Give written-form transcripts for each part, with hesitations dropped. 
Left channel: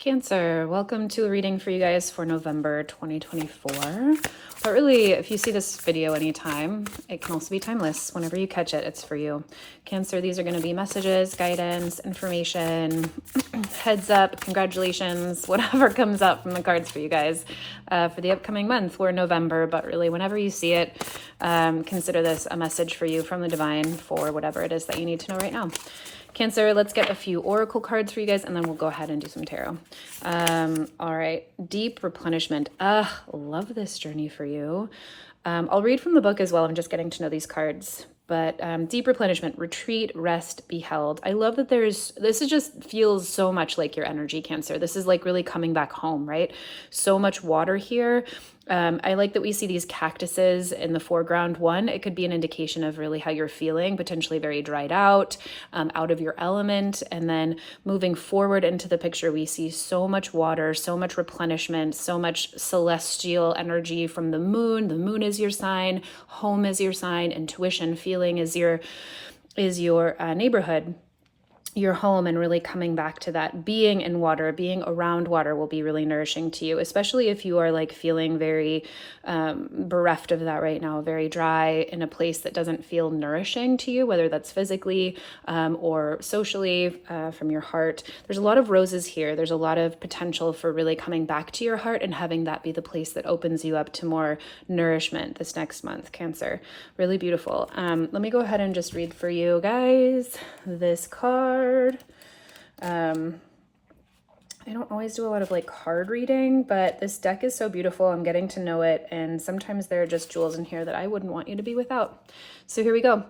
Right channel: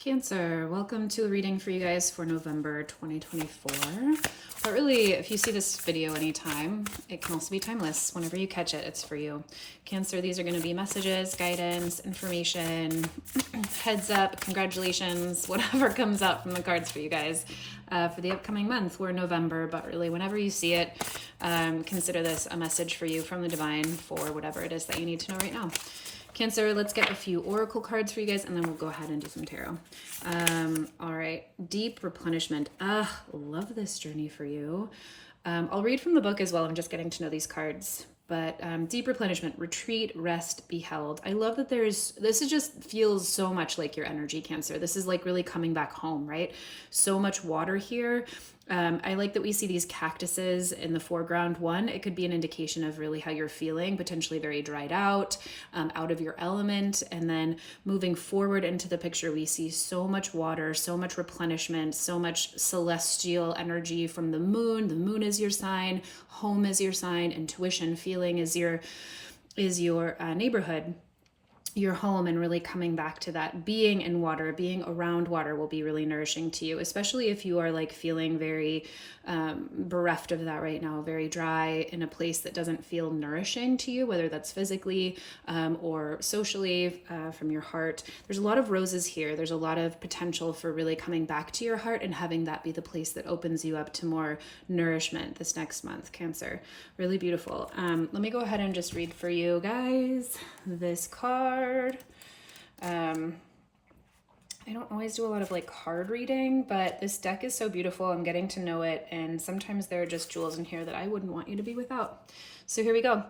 Cancer, welcome to a reading for you guys for November 2024. But really, if you see this video anytime, it can also be timeless. Whenever you catch it, it's for you. Cancer, these are going to be messages, guidance, information, heads up, congratulations, whatever comes up from the cards for you guys for the upcoming month. We're in November, but really whenever you see it, consider this a message for you from the divine for whatever it is that you need to know right now. Cancer, let's get a few oracle cards for you guys, and then we'll go ahead and do some tarot. All right, deep replenishment. Love this journey for you. I'll read from the book as well. I'm just getting to know these cards. But deep replenishment, retreat, rest, be held. I love that this is just feels so much like your energy, Cancer. This is like really coming back home, right? So much water here. I like that we see these cactuses in the foreground. One, it could be an indication of really how you're feeling, potentially very dried out of your element. And then moving forward into the picture, we see so much water, so much replenishment, so much celestial energy from the moon. The moon is your sign, home is your sign, intuition, feeling is your neighborhood, your home, and really coming back to that. Being in water, being around water will be really nourishing to you, especially if you are like feeling very bereft of that right now, very dry in a place that doesn't feel nourishing to you, whether that's physically or socially from your heart. There's a lot of roses here. There's a lot of potential for really coming back to your heart and having that be the place that opens you up to more nourishment this next month, Cancer. Really beautiful. Let me go ahead and just read for you guys this card. I don't always do a lot of like card reading, but this deck is so beautiful. I'm getting to know it, and sometimes there are just jewels in here that I wouldn't want you to be without. So here we go.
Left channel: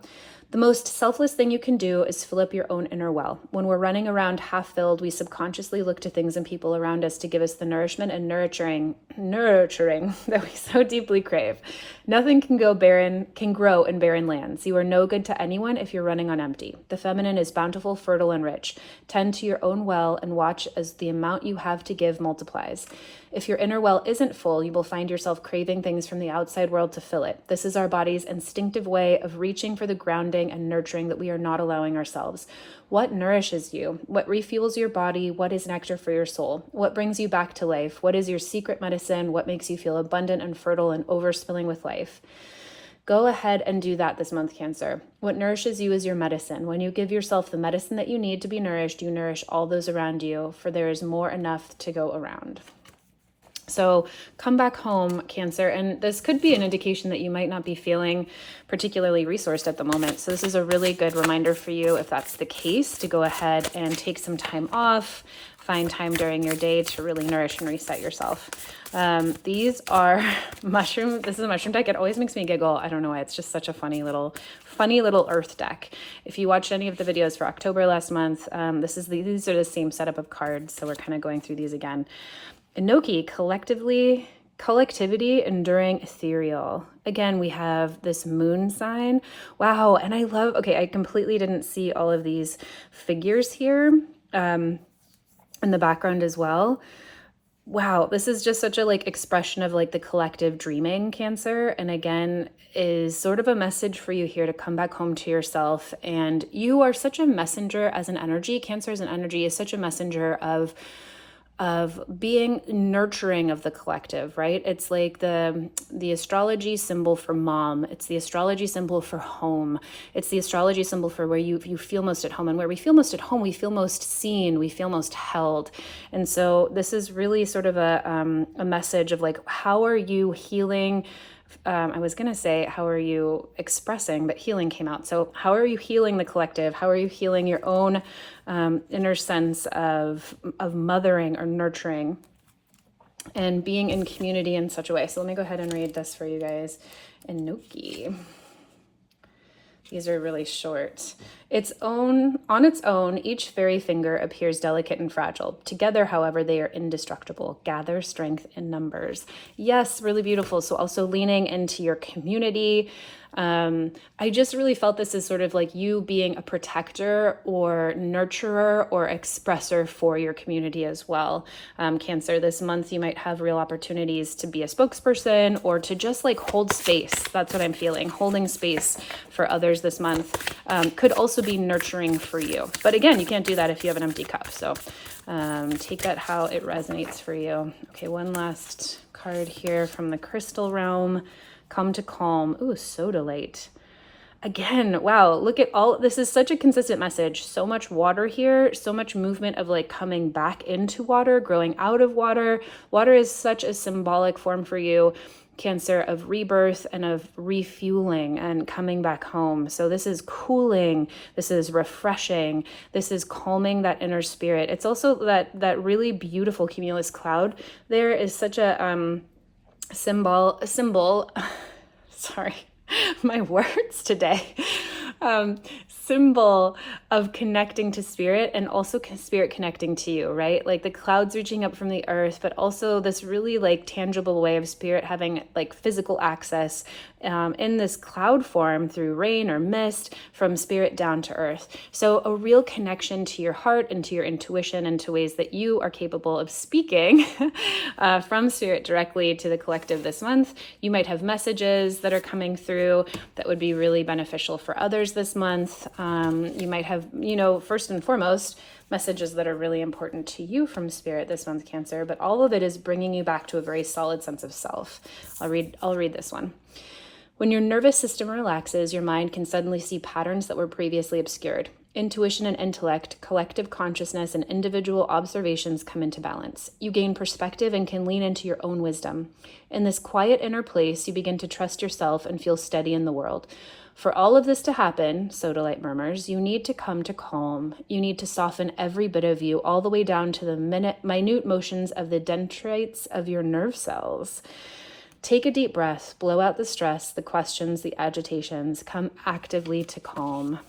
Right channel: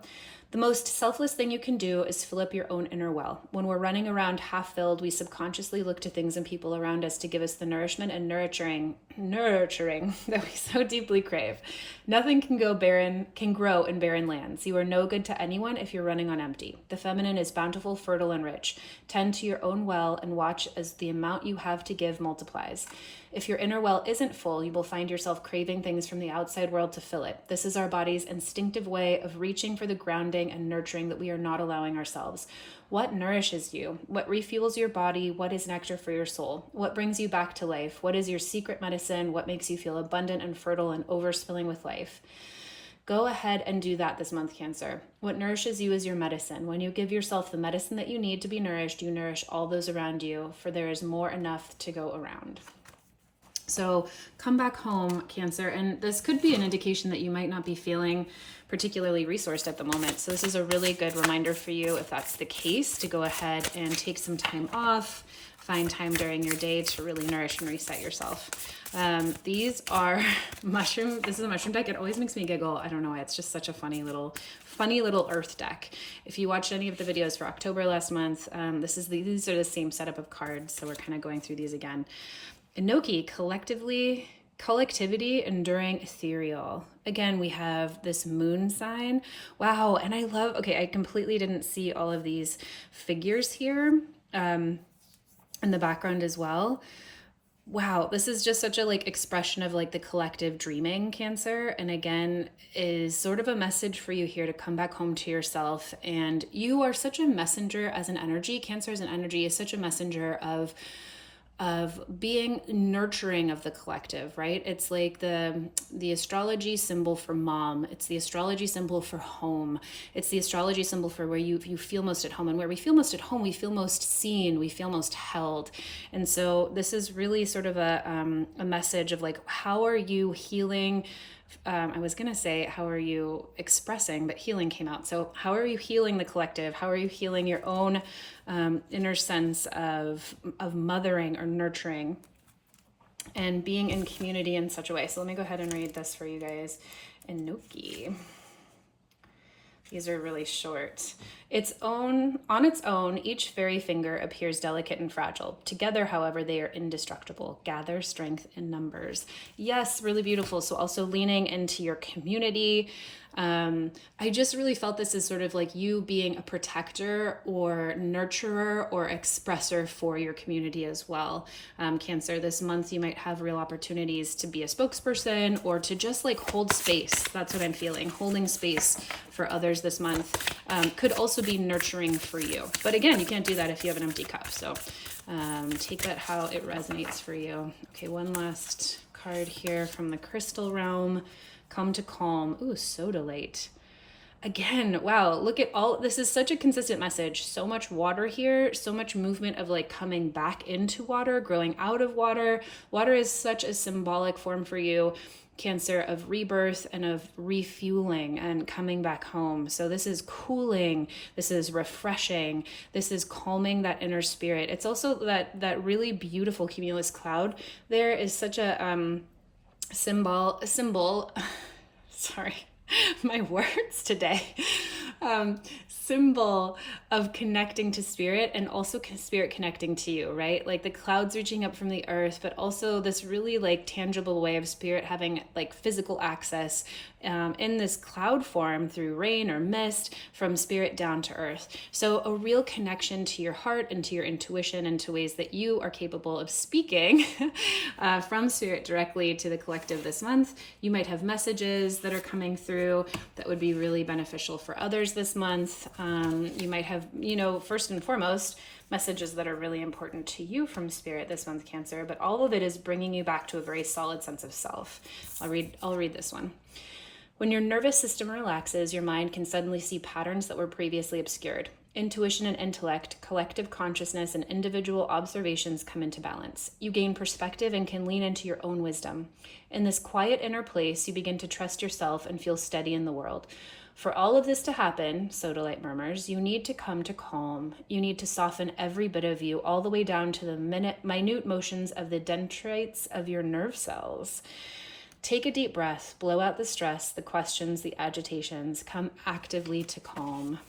The most selfless thing you can do is fill up your own inner well. When we're running around half filled, we subconsciously look to things and people around us to give us the nourishment and nurturing that we so deeply crave. Nothing can grow in barren lands. You are no good to anyone if you're running on empty. The feminine is bountiful, fertile, and rich. Tend to your own well and watch as the amount you have to give multiplies. If your inner well isn't full, you will find yourself craving things from the outside world to fill it. This is our body's instinctive way of reaching for the grounding and nurturing that we are not allowing ourselves. What nourishes you? What refuels your body? What is nectar for your soul? What brings you back to life? What is your secret medicine? What makes you feel abundant and fertile and overspilling with life? Go ahead and do that this month, Cancer. What nourishes you is your medicine. When you give yourself the medicine that you need to be nourished, you nourish all those around you, for there is more enough to go around. So come back home, Cancer, and this could be an indication that you might not be feeling particularly resourced at the moment. So this is a really good reminder for you, if that's the case, to go ahead and take some time off, find time during your day to really nourish and reset yourself. These are mushroom. This is a mushroom deck. It always makes me giggle. I don't know why. It's just such a funny little earth deck. If you watched any of the videos for October last month, these are the same setup of cards. So we're kind of going through these again. Enoki, collectivity, enduring, ethereal. Again, we have this moon sign. Wow. And I completely didn't see all of these figures here in the background as well. Wow. This is just such a expression of the collective dreaming, Cancer. And again, is sort of a message for you here to come back home to yourself. And you are such a messenger as an energy. Cancer as an energy is such a messenger of being nurturing of the collective, right? It's like the astrology symbol for mom. It's the astrology symbol for home. It's the astrology symbol for where you feel most at home. And where we feel most at home, we feel most seen, we feel most held. And so this is really sort of a message of how are you healing? I was going to say, how are you expressing, but healing came out. So how are you healing the collective? How are you healing your own inner sense of mothering or nurturing and being in community in such a way? So let me go ahead and read this for you guys. Enoki. These are really short. On its own, each fairy finger appears delicate and fragile. Together, however, they are indestructible. Gather strength in numbers. Yes, really beautiful. So also leaning into your community. I just really felt this as sort of you being a protector or nurturer or expresser for your community as well. Cancer, this month you might have real opportunities to be a spokesperson or to just hold space. That's what I'm feeling. Holding space for others this month could also be nurturing for you. But again, you can't do that if you have an empty cup. So Take that how it resonates for you. Okay, one last card here from the crystal realm. Come to calm. Ooh, sodalite. Again, wow, look at all, this is such a consistent message. So much water here, so much movement of like coming back into water, growing out of water. Water is such a symbolic form for you, Cancer, of rebirth and of refueling and coming back home. So this is cooling, this is refreshing, this is calming that inner spirit. It's also that really beautiful cumulus cloud. There is such a symbol, sorry, my words today, symbol of connecting to spirit and also spirit connecting to you, right? Like the clouds reaching up from the earth, but also this really like tangible way of spirit having like physical access in this cloud form through rain or mist from spirit down to earth. So a real connection to your heart and to your intuition and to ways that you are capable of speaking from spirit directly to the collective this month. You might have messages that are coming through that would be really beneficial for others this month. You might have, you know, first and foremost, messages that are really important to you from spirit this month, Cancer, but all of it is bringing you back to a very solid sense of self. I'll read this one. When your nervous system relaxes, your mind can suddenly see patterns that were previously obscured. Intuition and intellect, collective consciousness, and individual observations come into balance. You gain perspective and can lean into your own wisdom. In this quiet inner place, you begin to trust yourself and feel steady in the world. For all of this to happen, Sodalite murmurs, you need to come to calm. You need to soften every bit of you, all the way down to the minute motions of the dendrites of your nerve cells. Take a deep breath, blow out the stress, the questions, the agitations, come actively to calm.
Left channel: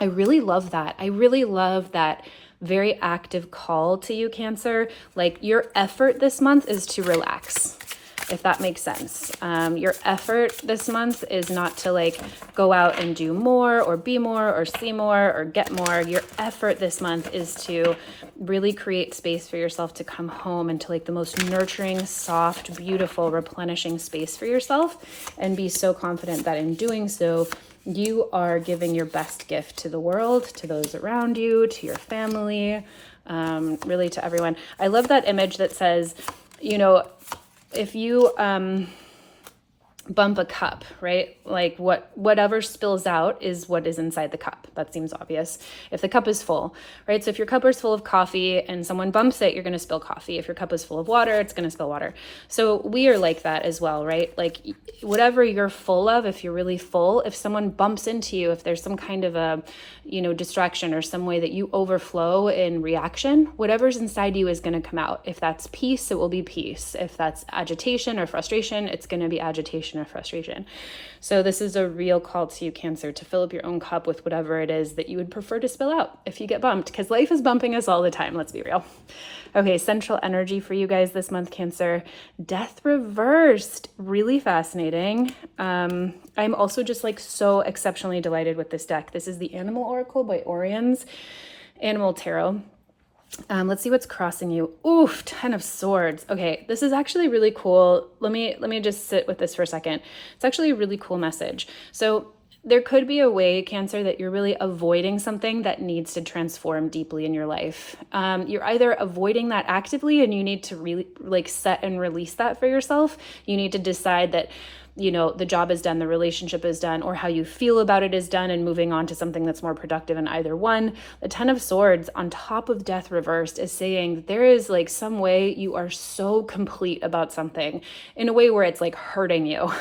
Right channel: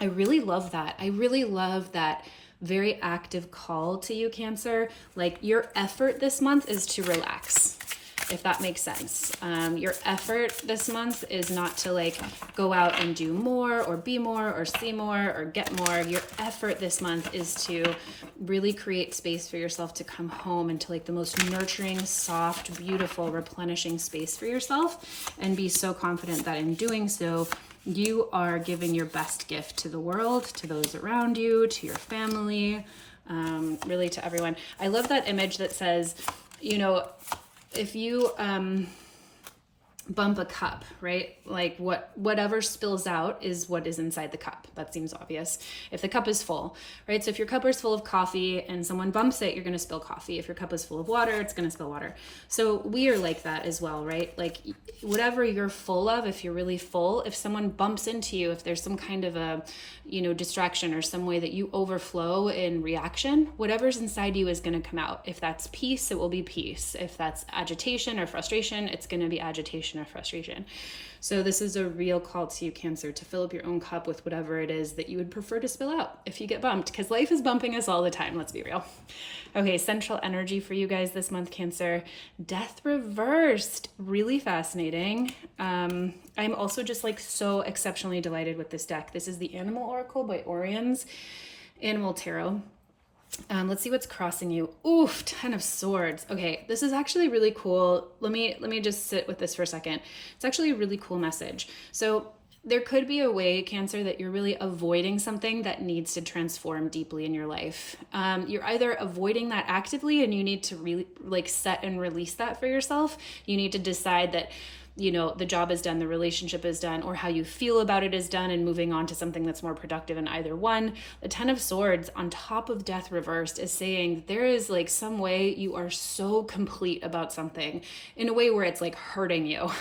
I really love that. I really love that very active call to you, Cancer. Like your effort this month is to relax, if that makes sense. Your effort this month is not to like go out and do more or be more or see more or get more. Your effort this month is to really create space for yourself to come home into like the most nurturing, soft, beautiful, replenishing space for yourself, and be so confident that in doing so, you are giving your best gift to the world, to those around you, to your family, really to everyone. I love that image that says, you know, if you bump a cup, right? Like whatever spills out is what is inside the cup. That seems obvious. If the cup is full, right? So if your cup is full of coffee and someone bumps it, you're going to spill coffee. If your cup is full of water, it's going to spill water. So we are like that as well, right? Like whatever you're full of, if you're really full, if someone bumps into you, if there's some kind of a, you know, distraction or some way that you overflow in reaction, whatever's inside you is going to come out. If that's peace, it will be peace. If that's agitation or frustration, it's going to be agitation or frustration. So this is a real call to you, Cancer, to fill up your own cup with whatever it is that you would prefer to spill out if you get bumped, because life is bumping us all the time. Let's be real. Okay, central energy for you guys this month, Cancer. Death reversed. Really fascinating. I'm also just like so exceptionally delighted with this deck. This is the Animal Oracle by Orian's Animal Tarot. Let's see what's crossing you. Oof, 10 of Swords. Okay, this is actually really cool. Let me just sit with this for a second. It's actually a really cool message. So there could be a way, Cancer, that you're really avoiding something that needs to transform deeply in your life. You're either avoiding that actively and you need to really like set and release that for yourself. You need to decide that, you know, the job is done, the relationship is done, or how you feel about it is done, and moving on to something that's more productive in either one. The 10 of Swords on top of Death reversed is saying that there is like some way you are so complete about something in a way where it's like hurting you.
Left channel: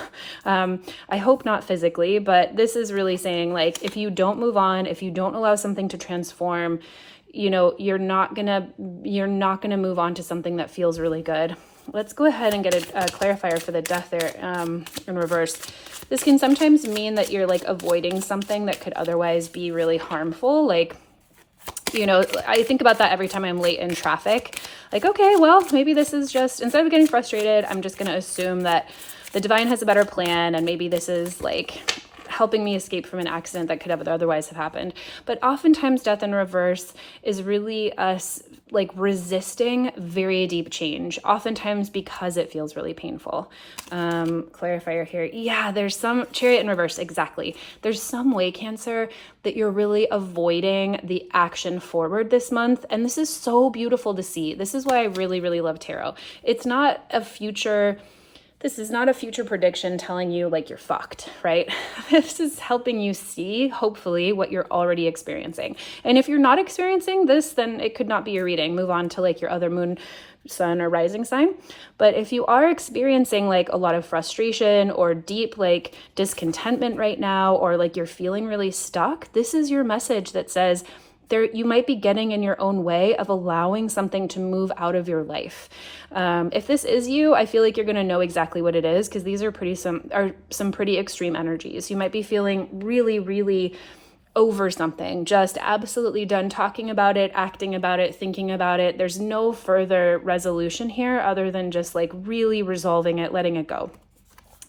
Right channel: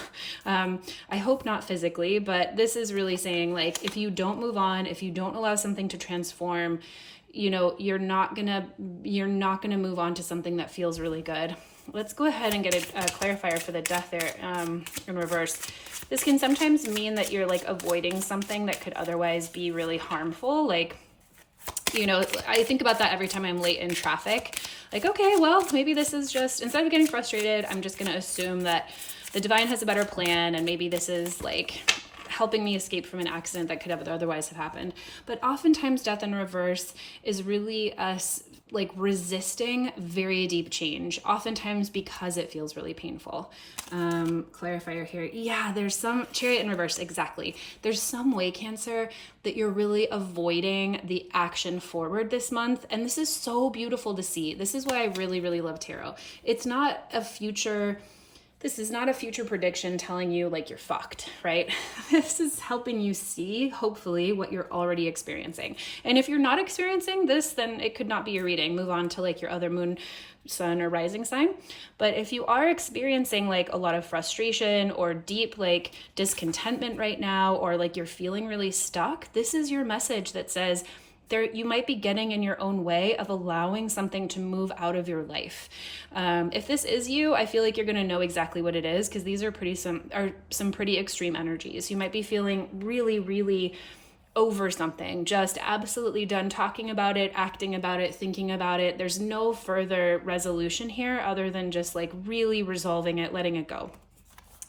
I hope not physically, but this is really saying like, if you don't move on, if you don't allow something to transform, you know, you're not gonna move on to something that feels really good. Let's go ahead and get a clarifier for the Death there in reverse. This can sometimes mean that you're like avoiding something that could otherwise be really harmful. Like, you know, I think about that every time I'm late in traffic. Like, okay, well, maybe this is just, instead of getting frustrated, I'm just going to assume that the divine has a better plan, and maybe this is like helping me escape from an accident that could have otherwise have happened. But oftentimes death in reverse is really us like resisting very deep change, oftentimes because it feels really painful. Clarifier here. Yeah, there's some Chariot in reverse. Exactly. There's some way, Cancer, that you're really avoiding the action forward this month. And this is so beautiful to see. This is why I really, really love tarot. It's not a future... This is not a future prediction telling you like you're fucked, right? This is helping you see, hopefully, what you're already experiencing. And if you're not experiencing this, then it could not be your reading. Move on to like your other moon, sun, or rising sign. But if you are experiencing like a lot of frustration or deep like discontentment right now, or like you're feeling really stuck, this is your message that says, you might be getting in your own way of allowing something to move out of your life. If this is you, I feel like you're going to know exactly what it is, because these are some pretty extreme energies. You might be feeling really, really over something, just absolutely done talking about it, acting about it, thinking about it. There's no further resolution here other than just like really resolving it, letting it go.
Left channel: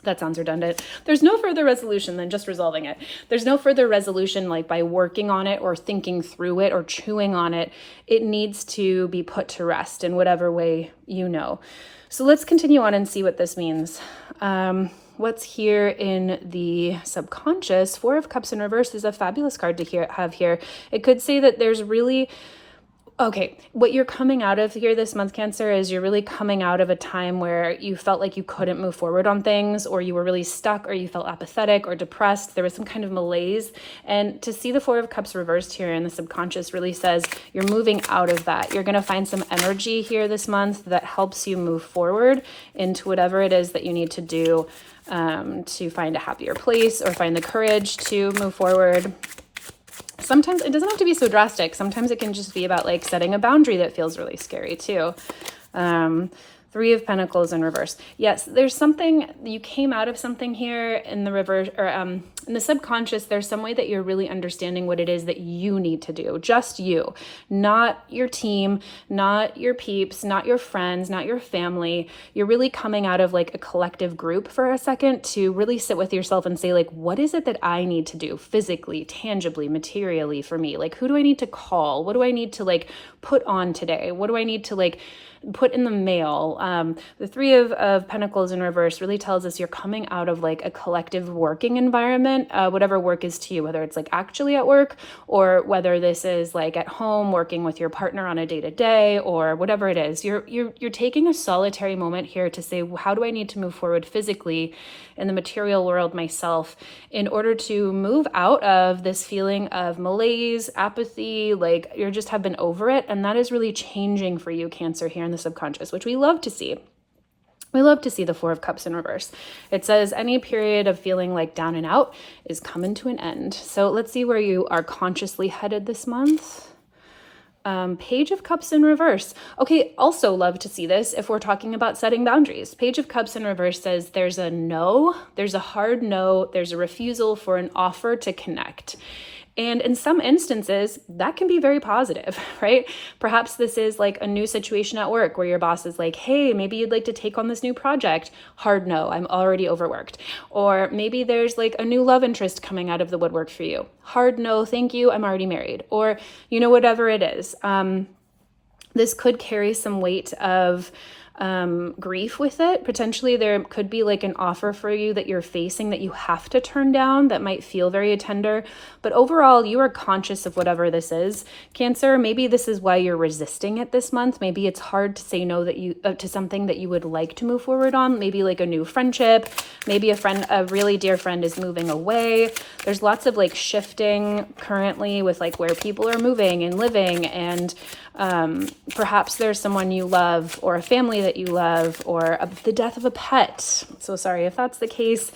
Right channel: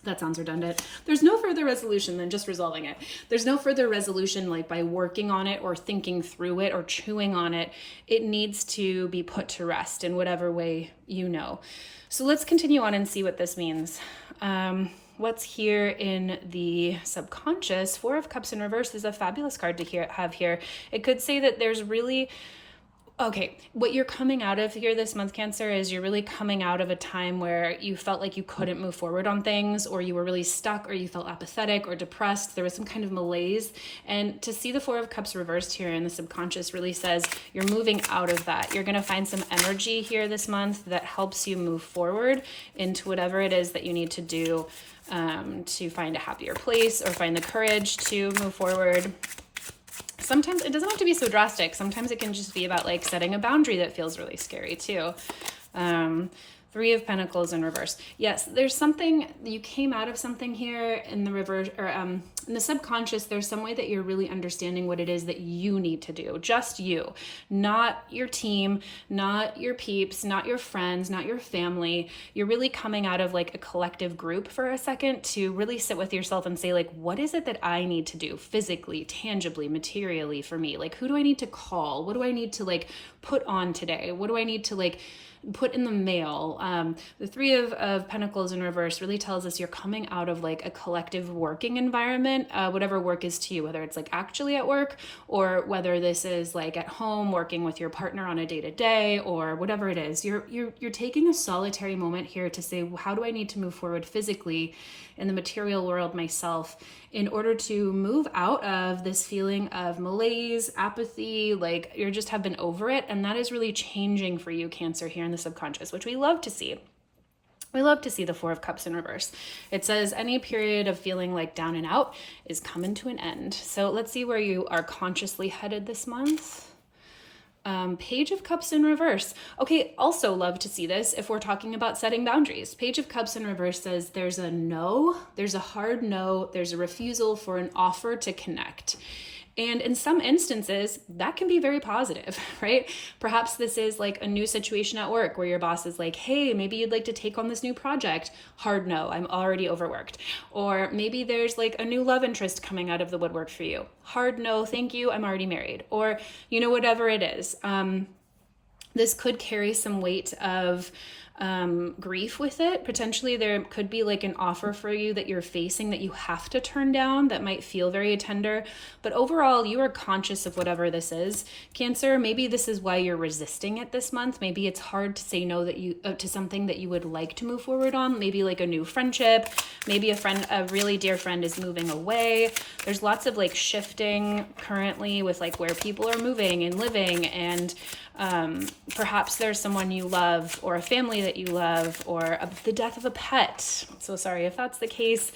That sounds redundant. There's no further resolution than just resolving it. There's no further resolution like by working on it or thinking through it or chewing on it. It needs to be put to rest in whatever way you know. So let's continue on and see what this means. What's here in the subconscious? Four of Cups in reverse is a fabulous card to have here. It could say that there's really... Okay, what you're coming out of here this month, Cancer, is you're really coming out of a time where you felt like you couldn't move forward on things, or you were really stuck, or you felt apathetic or depressed. There was some kind of malaise. And to see the Four of Cups reversed here in the subconscious really says you're moving out of that. You're going to find some energy here this month that helps you move forward into whatever it is that you need to do to find a happier place or find the courage to move forward. Sometimes it doesn't have to be so drastic. Sometimes it can just be about like setting a boundary that feels really scary too. Three of Pentacles in reverse. Yes, there's something, you came out of something here in the reverse, or in the subconscious, there's some way that you're really understanding what it is that you need to do. Just you, not your team, not your peeps, not your friends, not your family. You're really coming out of like a collective group for a second to really sit with yourself and say like, what is it that I need to do physically, tangibly, materially for me? Like, who do I need to call? What do I need to like put on today? What do I need to like put in the mail? The Three of Pentacles in reverse really tells us you're coming out of like a collective working environment, whatever work is to you, whether it's like actually at work or whether this is like at home working with your partner on a day-to-day or whatever it is. You're taking a solitary moment here to say, how do I need to move forward physically in the material world myself in order to move out of this feeling of malaise, apathy, like you just have been over it. And that is really changing for you, Cancer, here in the subconscious, which we love to see. We love to see the Four of Cups in reverse. It says any period of feeling like down and out is coming to an end. So let's see where you are consciously headed this month. Page of Cups in reverse. Okay, also love to see this if we're talking about setting boundaries. Page of Cups in reverse says there's a no, there's a hard no, there's a refusal for an offer to connect. And in some instances, that can be very positive, right? Perhaps this is like a new situation at work where your boss is like, hey, maybe you'd like to take on this new project. Hard no, I'm already overworked. Or maybe there's like a new love interest coming out of the woodwork for you. Hard no, thank you, I'm already married. Or, you know, whatever it is. This could carry some weight of grief with it. Potentially there could be like an offer for you that you're facing that you have to turn down that might feel very tender, but overall you are conscious of whatever this is, Cancer. Maybe this is why you're resisting it this month. Maybe it's hard to say no that you to something that you would like to move forward on. Maybe like a new friendship, maybe a really dear friend is moving away. There's lots of like shifting currently with like where people are moving and living, and perhaps there's someone you love or a family that you love or the death of a pet. So sorry if that's the case.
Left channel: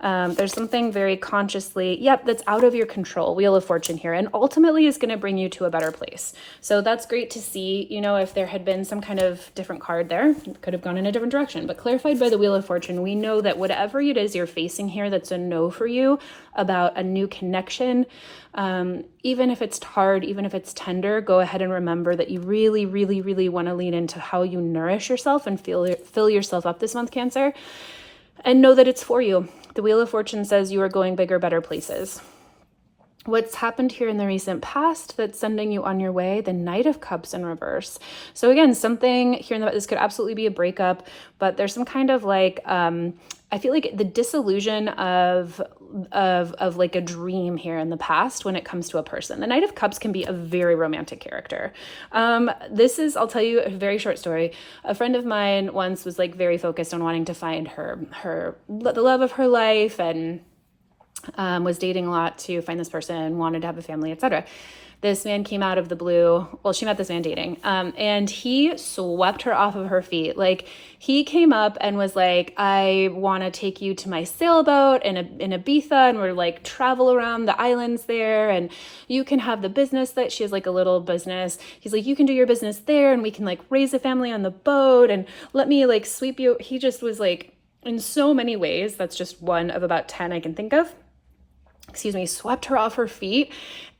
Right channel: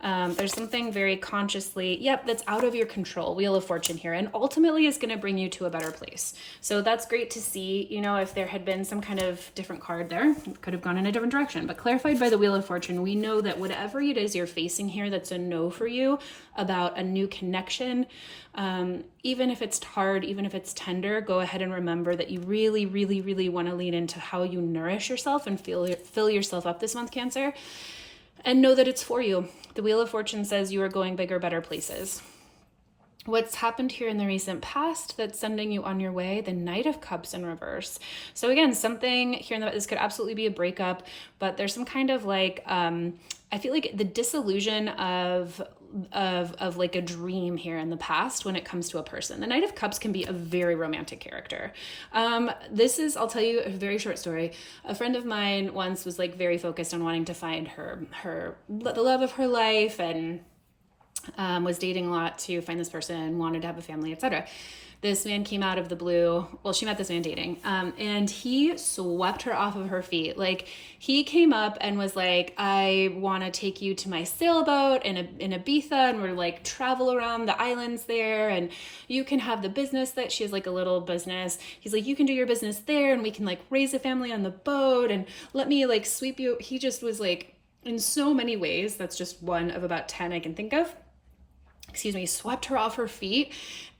There's something very consciously, that's out of your control, Wheel of Fortune here, and ultimately is going to bring you to a better place. So that's great to see. You know, if there had been some kind of different card there, it could have gone in a different direction, but clarified by the Wheel of Fortune, we know that whatever it is you're facing here that's a no for you about a new connection, even if it's hard, even if it's tender, go ahead and remember that you really, really, really want to lean into how you nourish yourself and fill yourself up this month, Cancer. and know that it's for you. The Wheel of Fortune says you are going bigger, better places. What's happened here in the recent past that's sending you on your way? The Knight of Cups in reverse. So again, something here in this could absolutely be a breakup, but there's some kind of like, I feel like the disillusion of like a dream here in the past when it comes to a person. The Knight of Cups can be a very romantic character. This is, I'll tell you a very short story. A friend of mine once was like very focused on wanting to find the love of her life, and was dating a lot to find this person, wanted to have a family, etc. This man came out of the blue. Well, she met this man dating, and he swept her off of her feet. Like, he came up and was like, I want to take you to my sailboat in Ibiza, and we're like travel around the islands there, and you can have the business that she has, like a little business. He's like, you can do your business there, and we can like raise a family on the boat, and let me like sweep you. He just was like, in so many ways, that's just one of about 10 I can think of. Swept her off her feet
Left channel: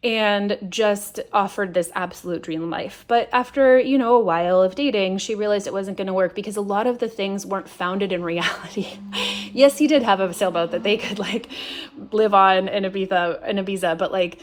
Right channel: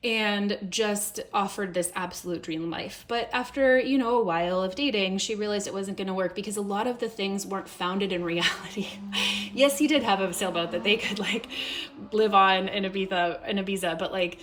and just offered this absolute dream life. But after, a while of dating, she realized it wasn't going to work because a lot of the things weren't founded in reality. Yes, he did have a sailboat that they could like live on in Ibiza, but like,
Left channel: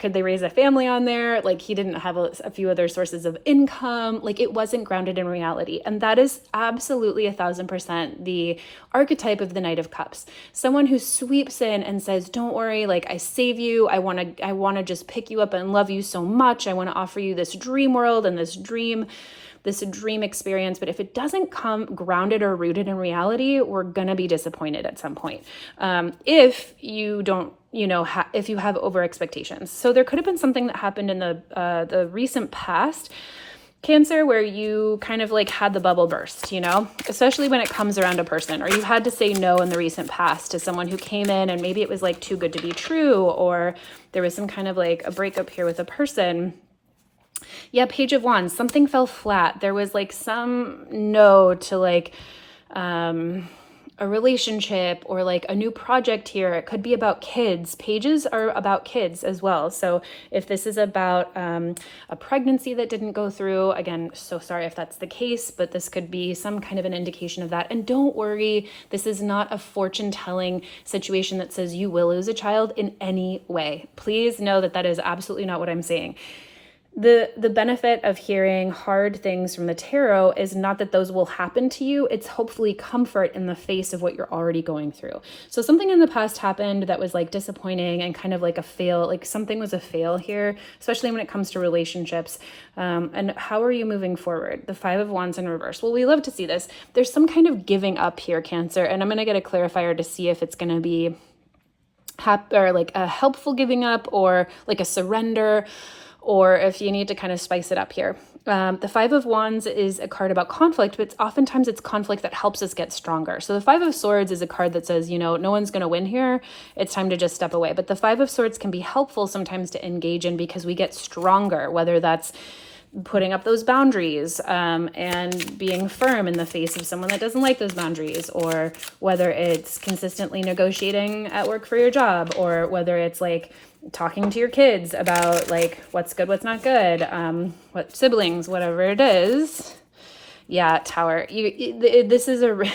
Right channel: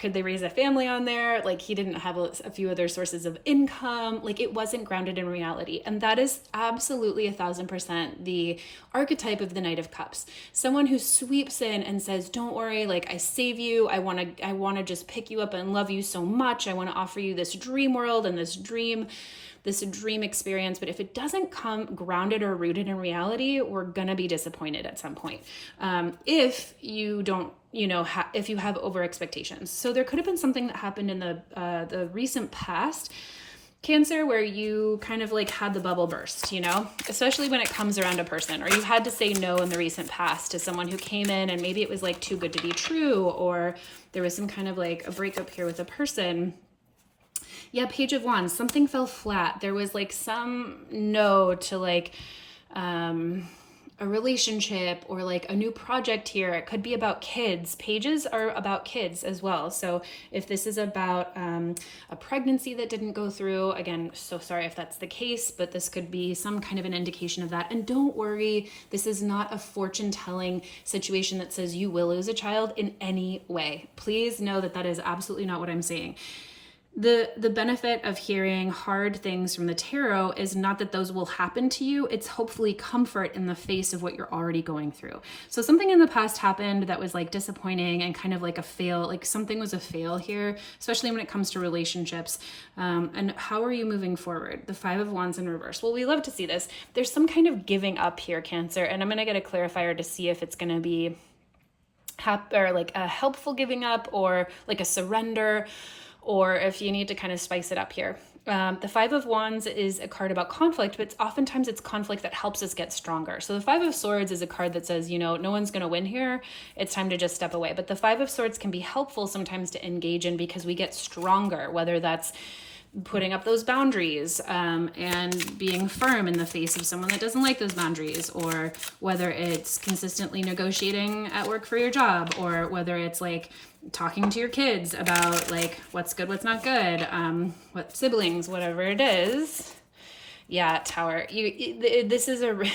could they raise a family on there? Like, he didn't have a few other sources of income. Like, it wasn't grounded in reality. And that is absolutely 1,000% the archetype of the Knight of Cups. Someone who sweeps in and says, don't worry, like, I save you. I want to just pick you up and love you so much. I want to offer you this dream world and this dream experience. But if it doesn't come grounded or rooted in reality, we're going to be disappointed at some point. If you don't, if you have over expectations. So there could have been something that happened in the recent past, Cancer, where you kind of like had the bubble burst, especially when it comes around a person, or you had to say no in the recent past to someone who came in and maybe it was like too good to be true, or there was some kind of like a breakup here with a person. Yeah, Page of Wands, something fell flat. There was like some no to like a relationship or like a new project here. It could be about kids. Pages are about kids as well. So if this is about a pregnancy that didn't go through, again, so sorry if that's the case, but this could be some kind of an indication of that. And don't worry, this is not a fortune telling situation that says you will lose a child in any way. Please know that that is absolutely not what I'm saying. The benefit of hearing hard things from the tarot is not that those will happen to you. It's hopefully comfort in the face of what you're already going through. So something in the past happened that was like disappointing and kind of like a fail, like something was a fail here, especially when it comes to relationships. And how are you moving forward? The Five of Wands in reverse. Well, we love to see this. There's some kind of giving up here, Cancer, and I'm going to get a clarifier to see if it's going to be or like a helpful giving up or like a surrender, or if you need to kind of spice it up here. The Five of Wands is a card about conflict, but oftentimes it's conflict that helps us get stronger. So the Five of Swords is a card that says, no one's going to win here. It's time to just step away. But the Five of Swords can be helpful sometimes to engage in because we get stronger, whether that's putting up those boundaries and being firm in the face of someone that doesn't like those boundaries, or whether it's consistently negotiating at work for your job, or whether it's like talking to your kids about like what's good, what's not good, what siblings, whatever it is. Yeah, Tower, this is a real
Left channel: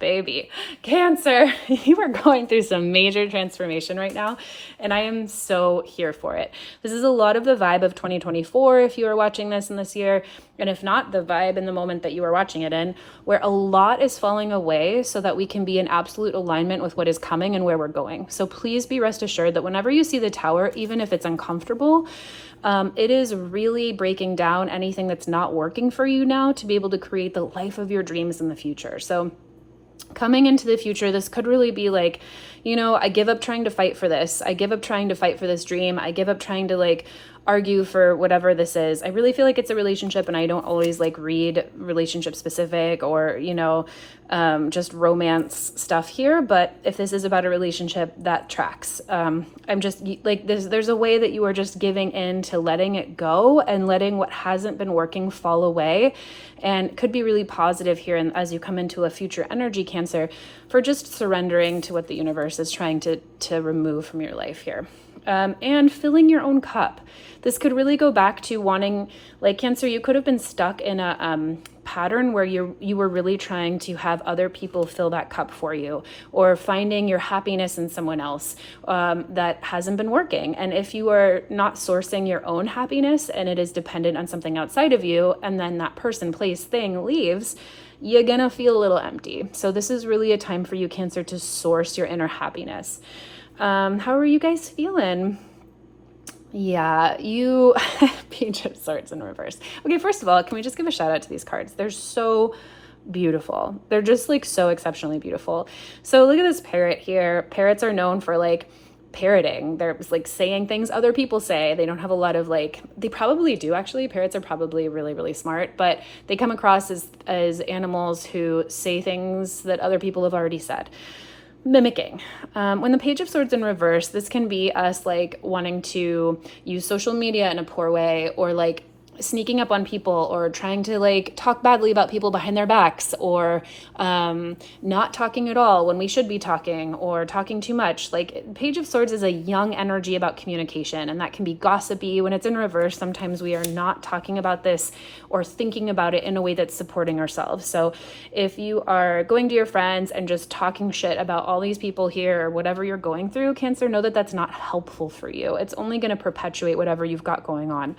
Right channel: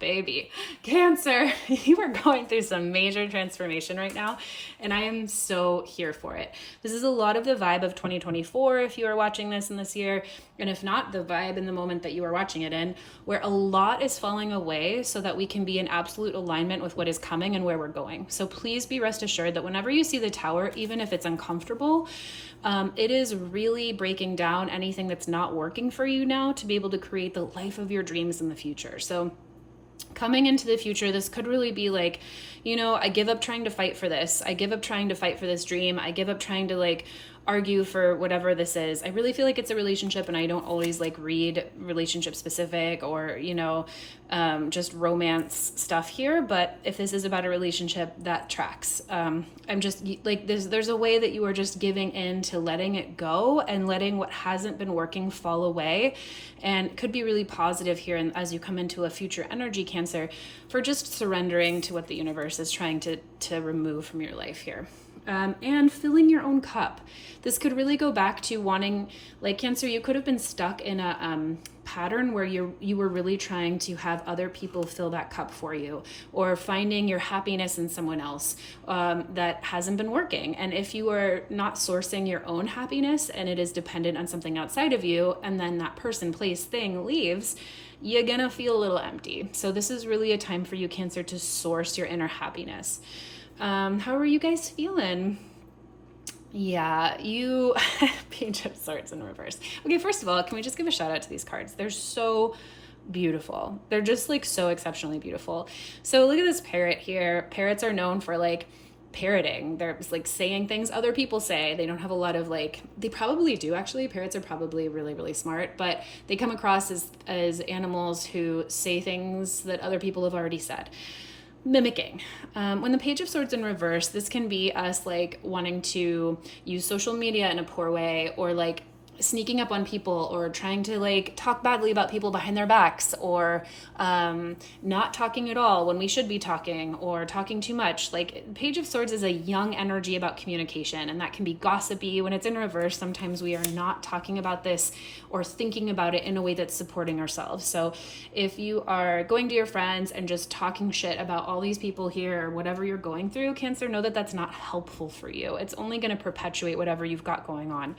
baby. Cancer, you are going through some major transformation right now, and I am so here for it. This is a lot of the vibe of 2024 if you are watching this in this year, and if not, the vibe in the moment that you are watching it in, where a lot is falling away so that we can be in absolute alignment with what is coming and where we're going. So please be rest assured that whenever you see the Tower, even if it's uncomfortable, it is really breaking down anything that's not working for you now to be able to create the life of your dreams in the future. So coming into the future, this could really be like, I give up trying to fight for this. I give up trying to fight for this dream. I give up trying to like argue for whatever this is. I really feel like it's a relationship, and I don't always like read relationship specific or, just romance stuff here. But if this is about a relationship, that tracks. I'm just like, there's a way that you are just giving in to letting it go and letting what hasn't been working fall away. And could be really positive here. And as you come into a future energy, Cancer, for just surrendering to what the universe is trying to remove from your life here. And filling your own cup. This could really go back to wanting, like Cancer, you could have been stuck in a pattern where you were really trying to have other people fill that cup for you, or finding your happiness in someone else, that hasn't been working. And if you are not sourcing your own happiness and it is dependent on something outside of you, and then that person, place, thing leaves, you're gonna feel a little empty. So this is really a time for you, Cancer, to source your inner happiness. How are you guys feeling? Yeah, you Page of Swords in reverse. Okay, first of all, can we just give a shout out to these cards? They're so beautiful. They're just like so exceptionally beautiful. So look at this parrot here. Parrots are known for like parroting. They're like saying things other people say. They don't have a lot of like, they probably do actually. Parrots are probably really, really smart, but they come across as animals who say things that other people have already said. Mimicking. When the Page of Swords in reverse, this can be us like wanting to use social media in a poor way, or like sneaking up on people, or trying to like talk badly about people behind their backs, or not talking at all when we should be talking, or talking too much. Like Page of Swords is a young energy about communication, and that can be gossipy. When it's in reverse, sometimes we are not talking about this or thinking about it in a way that's supporting ourselves. So if you are going to your friends and just talking shit about all these people here, or whatever you're going through, Cancer, know that that's not helpful for you. It's only going to perpetuate whatever you've got going on.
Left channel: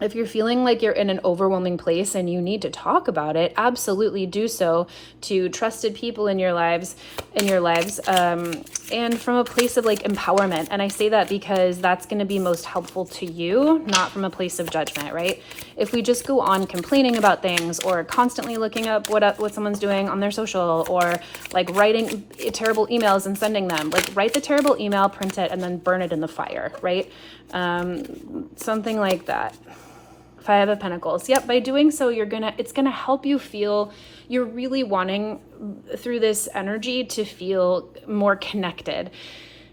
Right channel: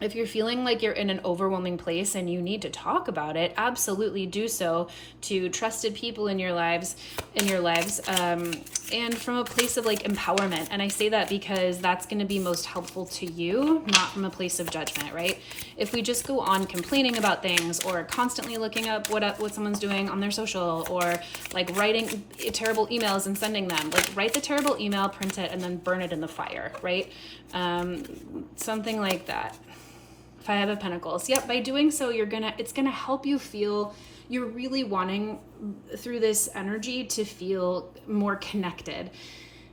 If you're feeling like you're in an overwhelming place and you need to talk about it, absolutely do so to trusted people in your lives, and from a place of like empowerment. And I say that because that's going to be most helpful to you, not from a place of judgment, right? If we just go on complaining about things, or constantly looking up what someone's doing on their social, or like writing terrible emails and sending them, like write the terrible email, print it, and then burn it in the fire, right? Something like that. Five of Pentacles. Yep, by doing so, it's gonna help you feel, you're really wanting through this energy to feel more connected.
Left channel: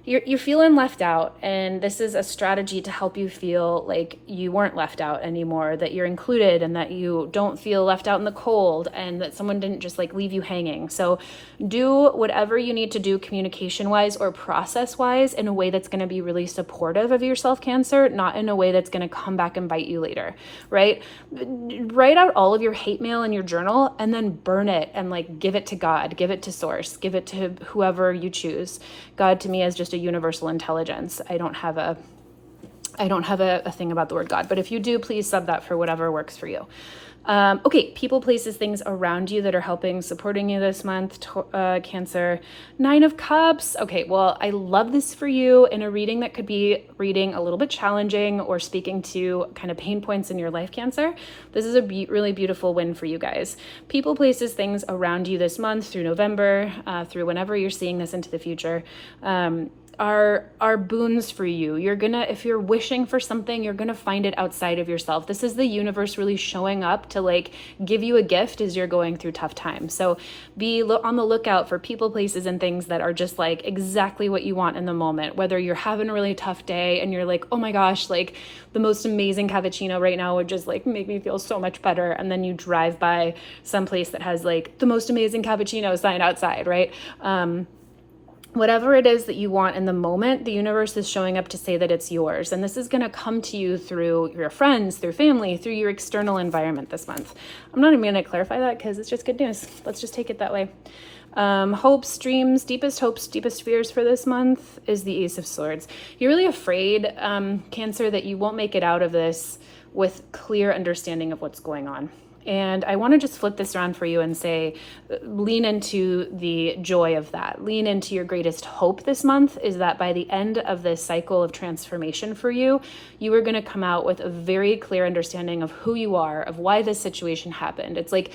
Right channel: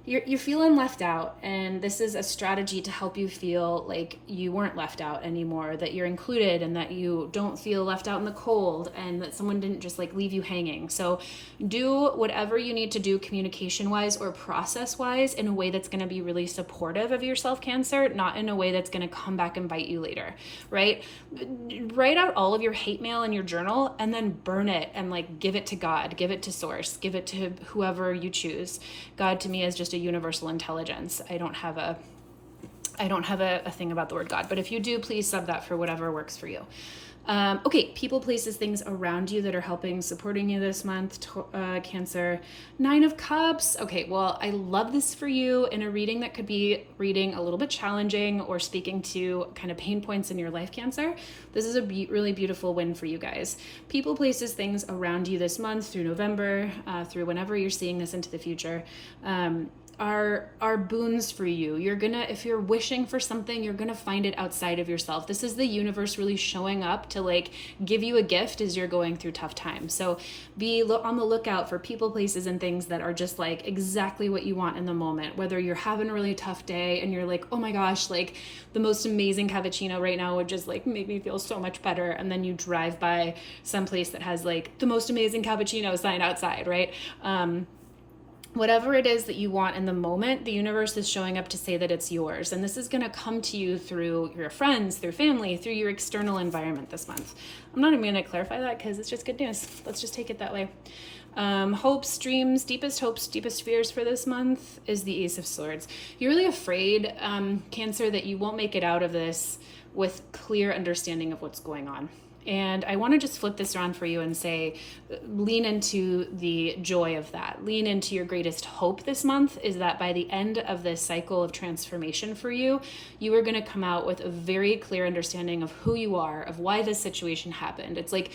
You're feeling left out, and this is a strategy to help you feel like you weren't left out anymore, that you're included, and that you don't feel left out in the cold, and that someone didn't just like leave you hanging. So do whatever you need to do communication wise or process wise in a way that's going to be really supportive of yourself, Cancer, not in a way that's going to come back and bite you later, right? Write out all of your hate mail in your journal, and then burn it, and like give it to God, give it to Source, give it to whoever you choose. God to me is just a universal intelligence. I don't have a thing about the word God, but if you do, please sub that for whatever works for you. Okay, people, places, things around you that are helping, supporting you this month, Cancer. Nine of Cups. Okay, well, I love this for you in a reading that could be reading a little bit challenging, or speaking to kind of pain points in your life, Cancer. This is a really beautiful win for you guys. People, places, things around you this month through November, through whenever you're seeing this into the future, are boons for you. If you're wishing for something, you're gonna find it outside of yourself. This is the universe really showing up to like give you a gift as you're going through tough times. So be on the lookout for people, places, and things that are just like exactly what you want in the moment. Whether you're having a really tough day and you're like, oh my gosh, like the most amazing cappuccino right now would just like make me feel so much better, and then you drive by some place that has like the most amazing cappuccino sign outside, right? Whatever it is that you want in the moment, the universe is showing up to say that it's yours. And this is going to come to you through your friends, through family, through your external environment this month. I'm not even going to clarify that because it's just good news. Let's just take it that way. Hopes, dreams, deepest fears for this month is the Ace of Swords. You're really afraid, Cancer, that you won't make it out of this with clear understanding of what's going on. And I want to just flip this around for you and say, lean into the joy of that. Lean into your greatest hope this month is that by the end of this cycle of transformation for you, you are going to come out with a very clear understanding of who you are, of why this situation happened. It's like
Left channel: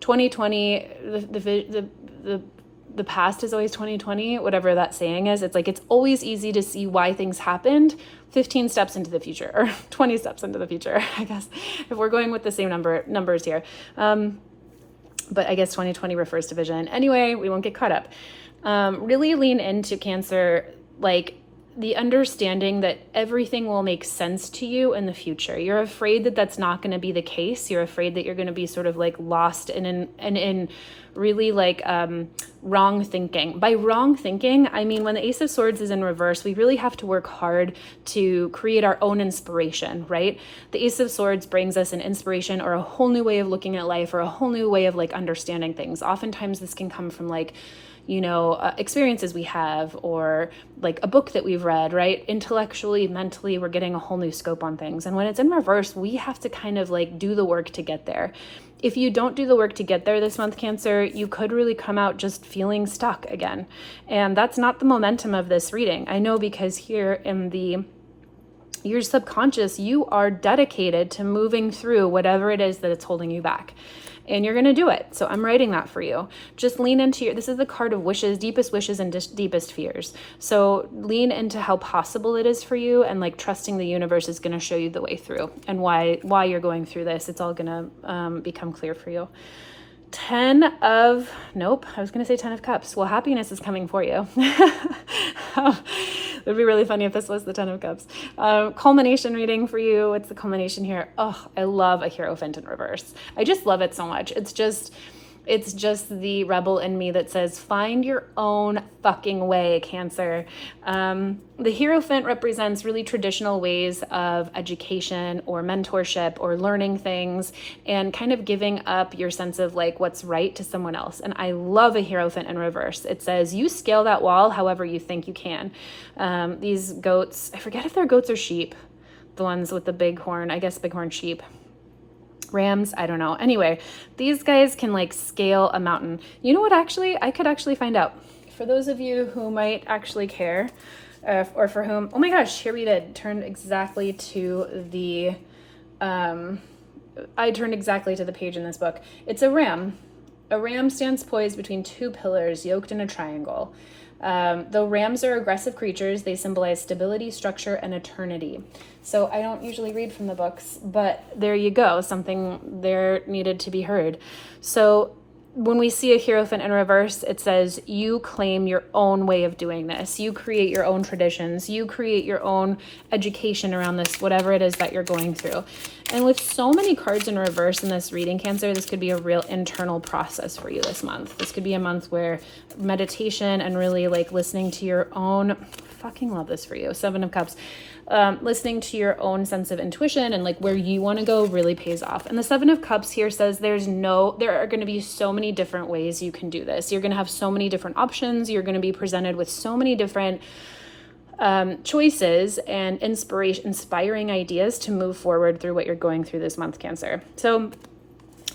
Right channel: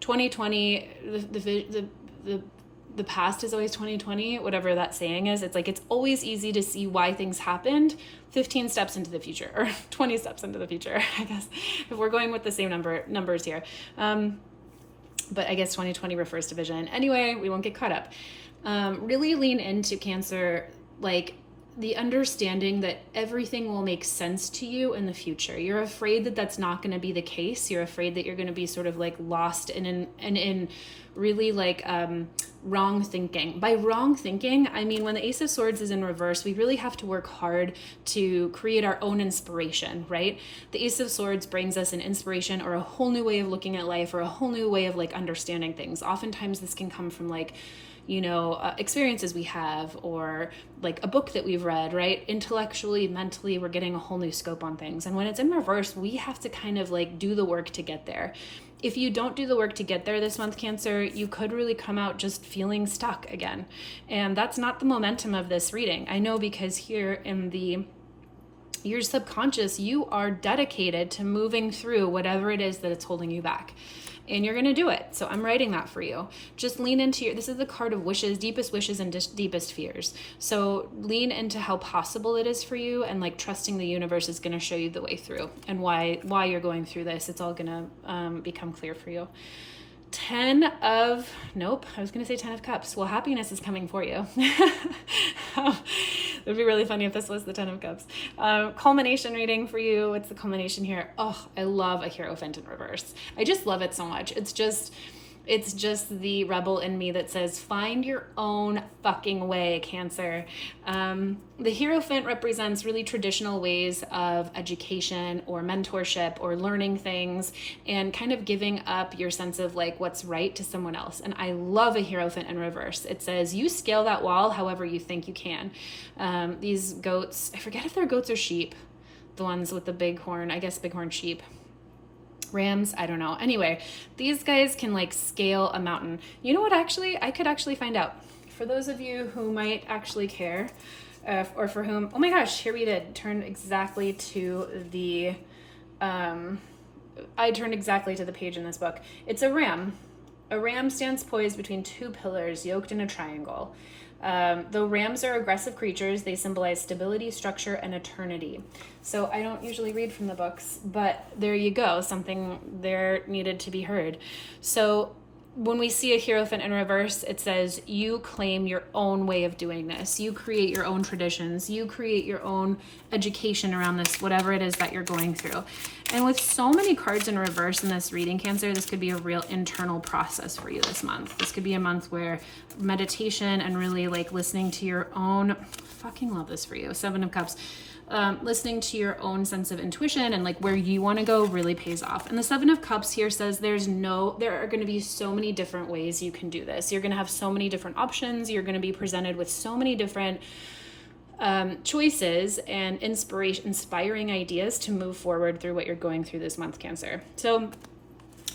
2020, the past is always 2020, whatever that saying is. It's like, it's always easy to see why things happened 15 steps into the future, or 20 steps into the future, I guess, if we're going with the same numbers here. But I guess 2020 refers to vision. Anyway, we won't get caught up. Really lean into, Cancer, like the understanding that everything will make sense to you in the future. You're afraid that that's not going to be the case. You're afraid that you're going to be sort of like lost in really like wrong thinking. By wrong thinking, I mean when the Ace of Swords is in reverse, we really have to work hard to create our own inspiration, right? The Ace of Swords brings us an inspiration or a whole new way of looking at life or a whole new way of like understanding things. Oftentimes this can come from like, experiences we have, or like a book that we've read, right? Intellectually, mentally, we're getting a whole new scope on things. And when it's in reverse, we have to kind of like do the work to get there. If you don't do the work to get there this month, Cancer, you could really come out just feeling stuck again. And that's not the momentum of this reading. I know, because here in your subconscious, you are dedicated to moving through whatever it is that it's holding you back. And you're going to do it. So I'm writing that for you. Just lean into this is the card of wishes, deepest wishes and deepest fears. So lean into how possible it is for you, and like trusting the universe is going to show you the way through, and why you're going through this. It's all going to become clear for you. 10 of Cups. Well, happiness is coming for you. It would be really funny if this was the 10 of Cups. Culmination reading for you. What's the culmination here? Oh, I love a Hierophant in reverse. I just love it so much. It's just the rebel in me that says, find your own fucking way, Cancer. The Hierophant represents really traditional ways of education or mentorship or learning things, and kind of giving up your sense of like what's right to someone else. And I love a Hierophant in reverse. It says, you scale that wall however you think you can. These goats, I forget if they're goats or sheep, the ones with the big horn, I guess bighorn sheep. Rams, I don't know. Anyway, these guys can like scale a mountain. You know what, actually, I could actually find out. For those of you who might actually care, or for whom, oh my gosh, here we did, turned exactly to the, I turned exactly to the page in this book. It's a ram. A ram stands poised between two pillars, yoked in a triangle. Though rams are aggressive creatures, they symbolize stability, structure, and eternity. So I don't usually read from the books, but there you go. Something there needed to be heard. So when we see a Hierophant in reverse, it says you claim your own way of doing this. You create your own traditions. You create your own education around this, whatever it is that you're going through. And with so many cards in reverse in this reading, Cancer, this could be a real internal process for you this month. This could be a month where meditation and really like listening to your own, fucking love this for you, 7 of Cups. Listening to your own sense of intuition and like where you want to go really pays off. And the 7 of Cups here says there are going to be so many different ways you can do this. You're going to have so many different options. You're going to be presented with so many different choices and inspiring ideas to move forward through what you're going through this month, Cancer. So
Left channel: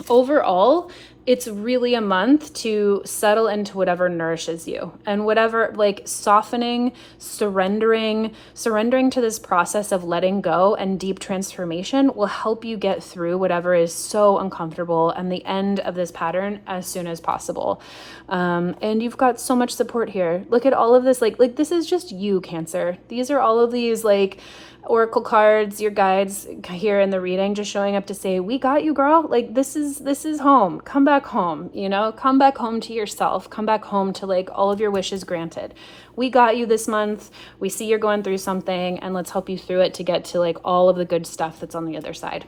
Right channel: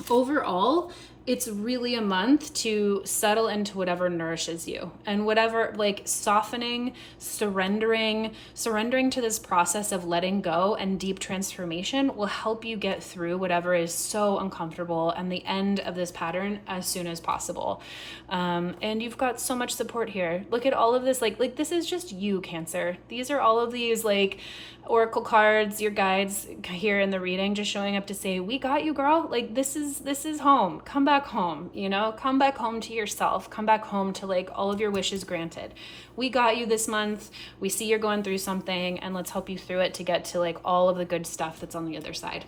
overall, it's really a month to settle into whatever nourishes you, and whatever, like softening, surrendering to this process of letting go and deep transformation will help you get through whatever is so uncomfortable and the end of this pattern as soon as possible. And you've got so much support here. Look at all of this, like this is just you, Cancer. These are all of these like oracle cards, your guides here in the reading, just showing up to say, we got you, girl. Like this is home. Come back home, come back home to yourself. Come back home to like all of your wishes granted. We got you this month. We see you're going through something, and let's help you through it to get to like all of the good stuff that's on the other side.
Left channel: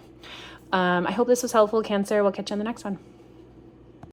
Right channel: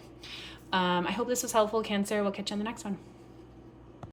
I hope this was helpful, Cancer. We'll catch you on the next one.